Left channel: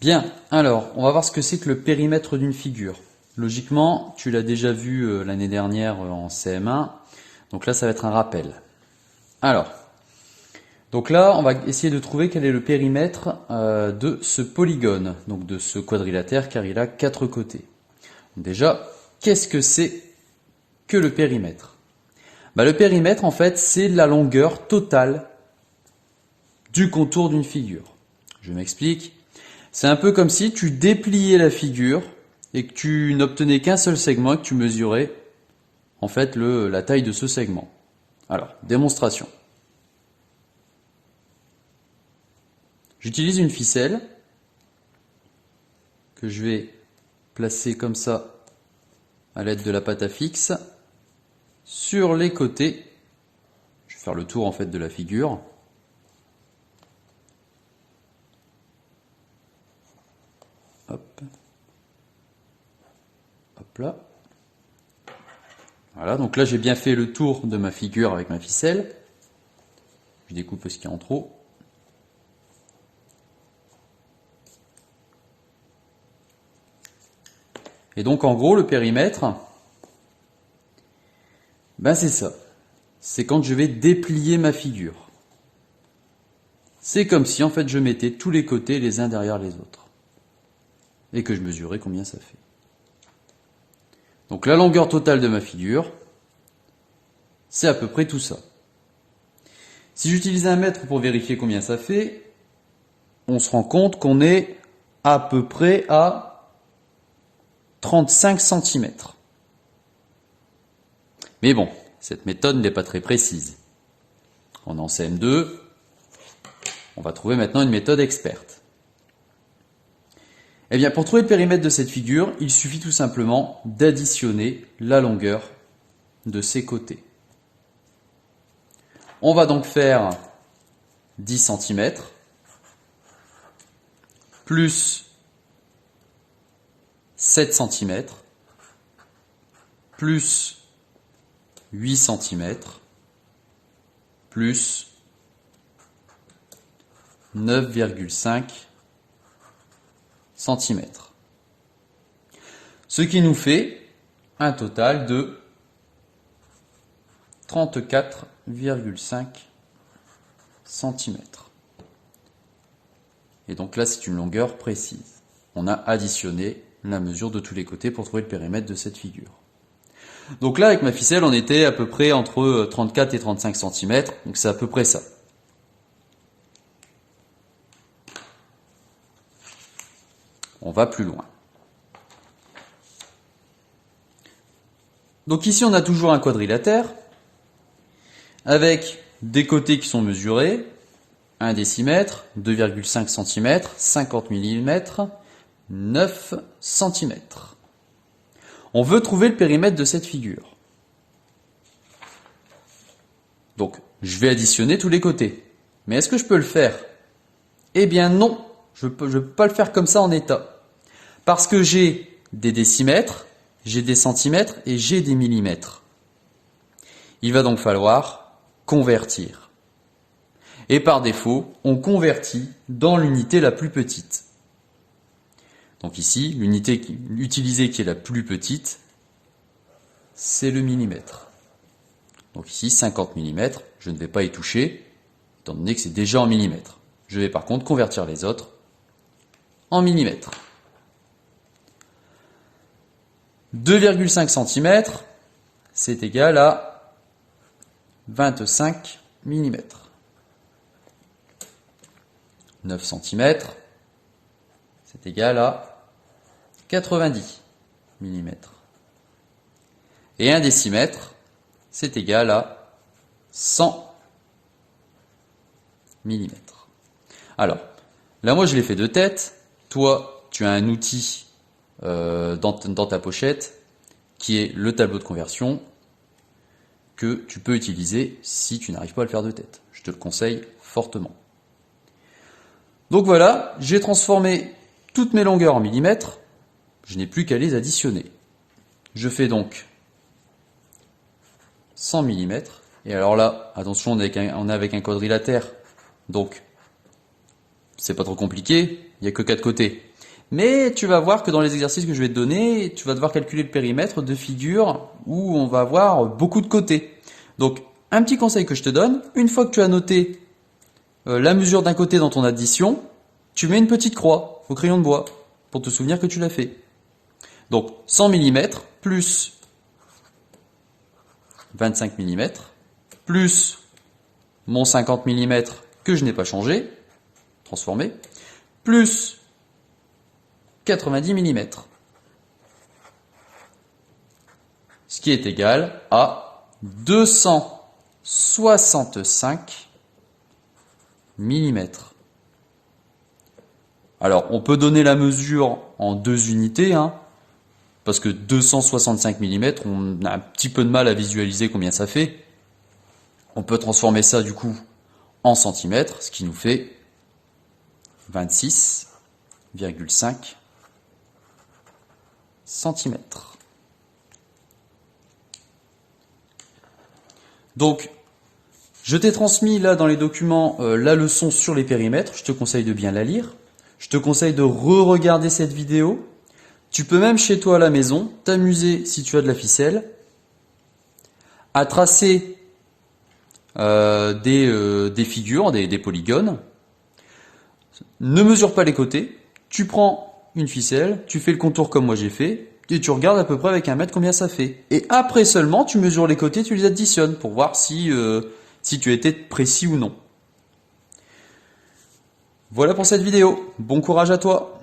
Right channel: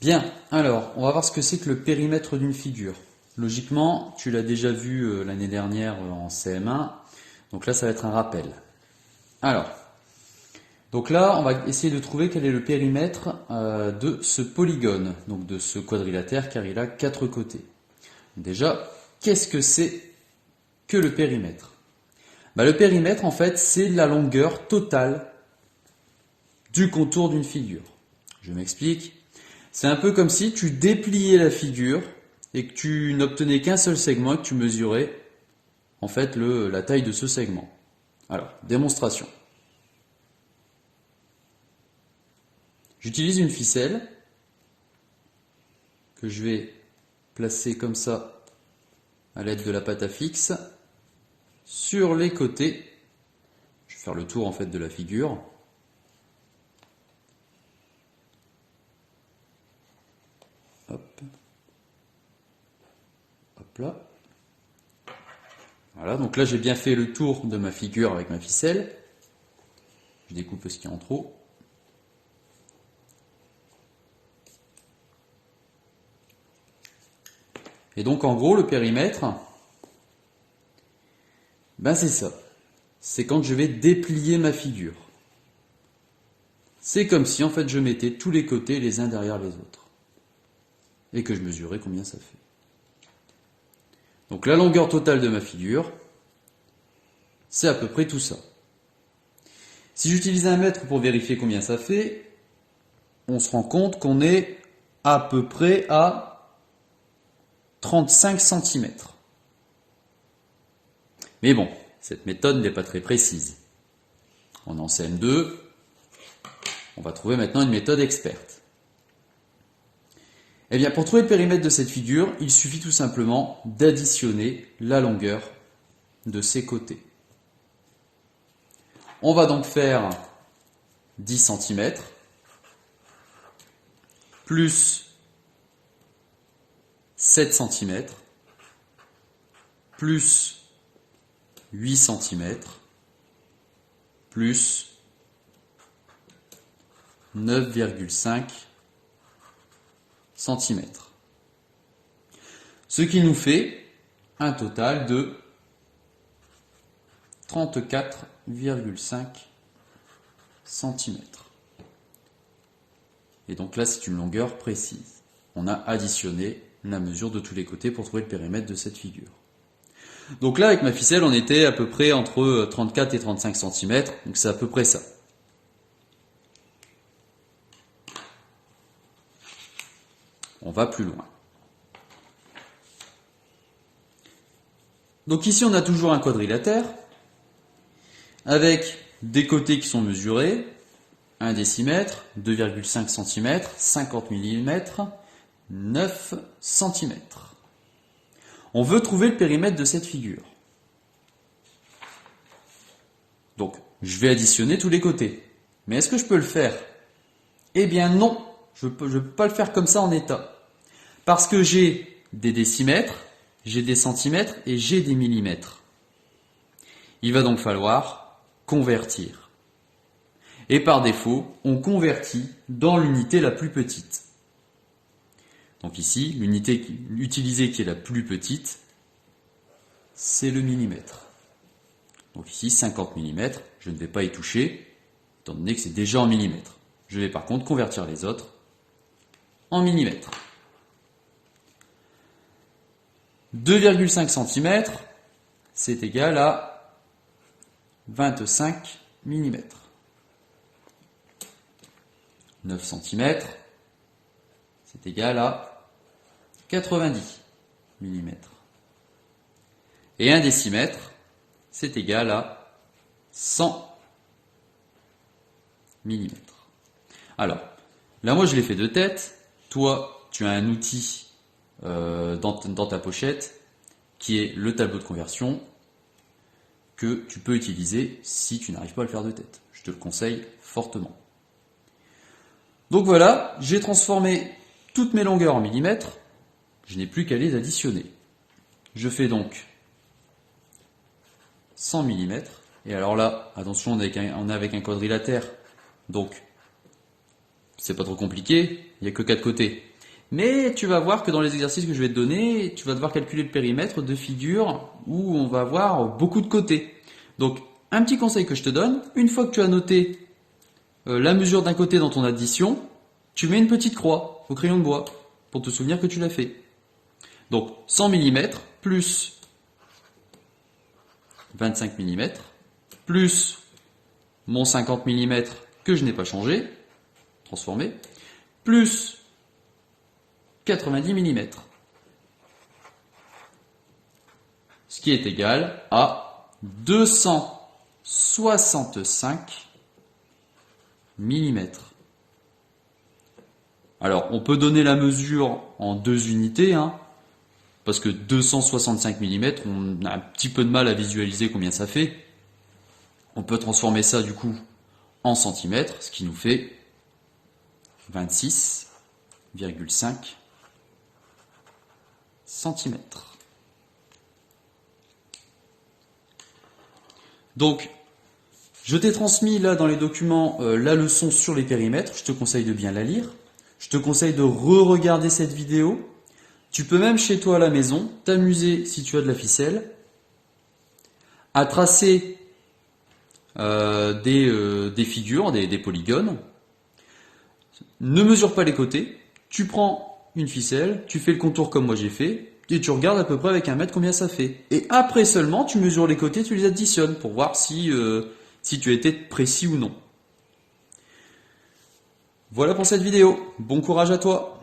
Bien, alors, on va voir ce que c'est que le périmètre d'une figure. Logiquement, tu l'as déjà vu l'année dernière en CM1, donc là ça va être un rappel. Alors, donc là on va essayer de trouver quel est le périmètre de ce polygone, donc de ce quadrilatère car il a 4 côtés. Déjà, qu'est-ce que c'est que le périmètre? Le périmètre en fait c'est la longueur totale du contour d'une figure. Je m'explique. C'est un peu comme si tu dépliais la figure et que tu n'obtenais qu'un seul segment et que tu mesurais en fait la taille de ce segment. Alors, démonstration. J'utilise une ficelle que je vais placer comme ça à l'aide de la pâte à fixe sur les côtés. Je vais faire le tour en fait de la figure. Hop. Hop là. Voilà, donc là j'ai bien fait le tour de ma figure avec ma ficelle. Je découpe ce qu'il y a en trop. Et donc en gros le périmètre, c'est ça. C'est quand je vais déplier ma figure. C'est comme si en fait je mettais tous les côtés les uns derrière les autres. Et que je mesurais combien ça fait. Donc la longueur totale de ma figure, c'est à peu près tout ça. Si j'utilise un mètre pour vérifier combien ça fait, on se rend compte qu'on est à peu près à 35 cm. Mais bon, cette méthode n'est pas très précise. On est en CM2, on va trouver maintenant une méthode experte. Eh bien, pour trouver le périmètre de cette figure, il suffit tout simplement d'additionner la longueur de ses côtés. On va donc faire 10 cm plus 7 cm plus 8 cm plus 9,5 cm. Ce qui nous fait un total de 34,5 cm. Et donc là, c'est une longueur précise. On a additionné la mesure de tous les côtés pour trouver le périmètre de cette figure. Donc là, avec ma ficelle, on était à peu près entre 34 et 35 cm, donc c'est à peu près ça. On va plus loin. Donc ici, on a toujours un quadrilatère, avec des côtés qui sont mesurés, 1 décimètre, 2,5 cm, 50 mm, 9 cm. On veut trouver le périmètre de cette figure. Donc, je vais additionner tous les côtés. Mais est-ce que je peux le faire? Eh bien non, je ne peux pas le faire comme ça en état. Parce que j'ai des décimètres, j'ai des centimètres et j'ai des millimètres. Il va donc falloir convertir. Et par défaut, on convertit dans l'unité la plus petite. Donc ici, l'unité utilisée qui est la plus petite, c'est le millimètre. Donc ici, 50 mm, je ne vais pas y toucher, étant donné que c'est déjà en millimètres. Je vais par contre convertir les autres en millimètres. 2,5 cm, c'est égal à 25 mm. 9 cm, c'est égal à 90 mm. Et 1 décimètre, c'est égal à 100 mm. Alors, là moi je l'ai fait de tête, toi tu as un outil dans ta pochette qui est le tableau de conversion que tu peux utiliser si tu n'arrives pas à le faire de tête. Je te le conseille fortement. Donc voilà, j'ai transformé toutes mes longueurs en millimètres, je n'ai plus qu'à les additionner. Je fais donc 100 mm, et alors là, attention, on est avec un quadrilatère, donc C'est pas trop compliqué, il n'y a que 4 côtés. Mais tu vas voir que dans les exercices que je vais te donner, tu vas devoir calculer le périmètre de figures où on va avoir beaucoup de côtés. Donc, un petit conseil que je te donne, une fois que tu as noté la mesure d'un côté dans ton addition, tu mets une petite croix au crayon de bois pour te souvenir que tu l'as fait. Donc 100 mm plus 25 mm plus mon 50 mm que je n'ai pas changé, transformé, plus 90 mm. Ce qui est égal à 265 mm. Alors, on peut donner la mesure en 2 unités, parce que 265 mm, on a un petit peu de mal à visualiser combien ça fait. On peut transformer ça du coup en centimètres, ce qui nous fait 26,5 cm. Donc, je t'ai transmis là dans les documents la leçon sur les périmètres. Je te conseille de bien la lire. Je te conseille de re-regarder cette vidéo. Tu peux même chez toi à la maison t'amuser, si tu as de la ficelle, à tracer des figures, des polygones. Ne mesure pas les côtés. Tu prends une ficelle, tu fais le contour comme moi j'ai fait, et tu regardes à peu près avec un mètre combien ça fait. Et après seulement, tu mesures les côtés, tu les additionnes pour voir si tu as été précis ou non. Voilà pour cette vidéo. Bon courage à toi!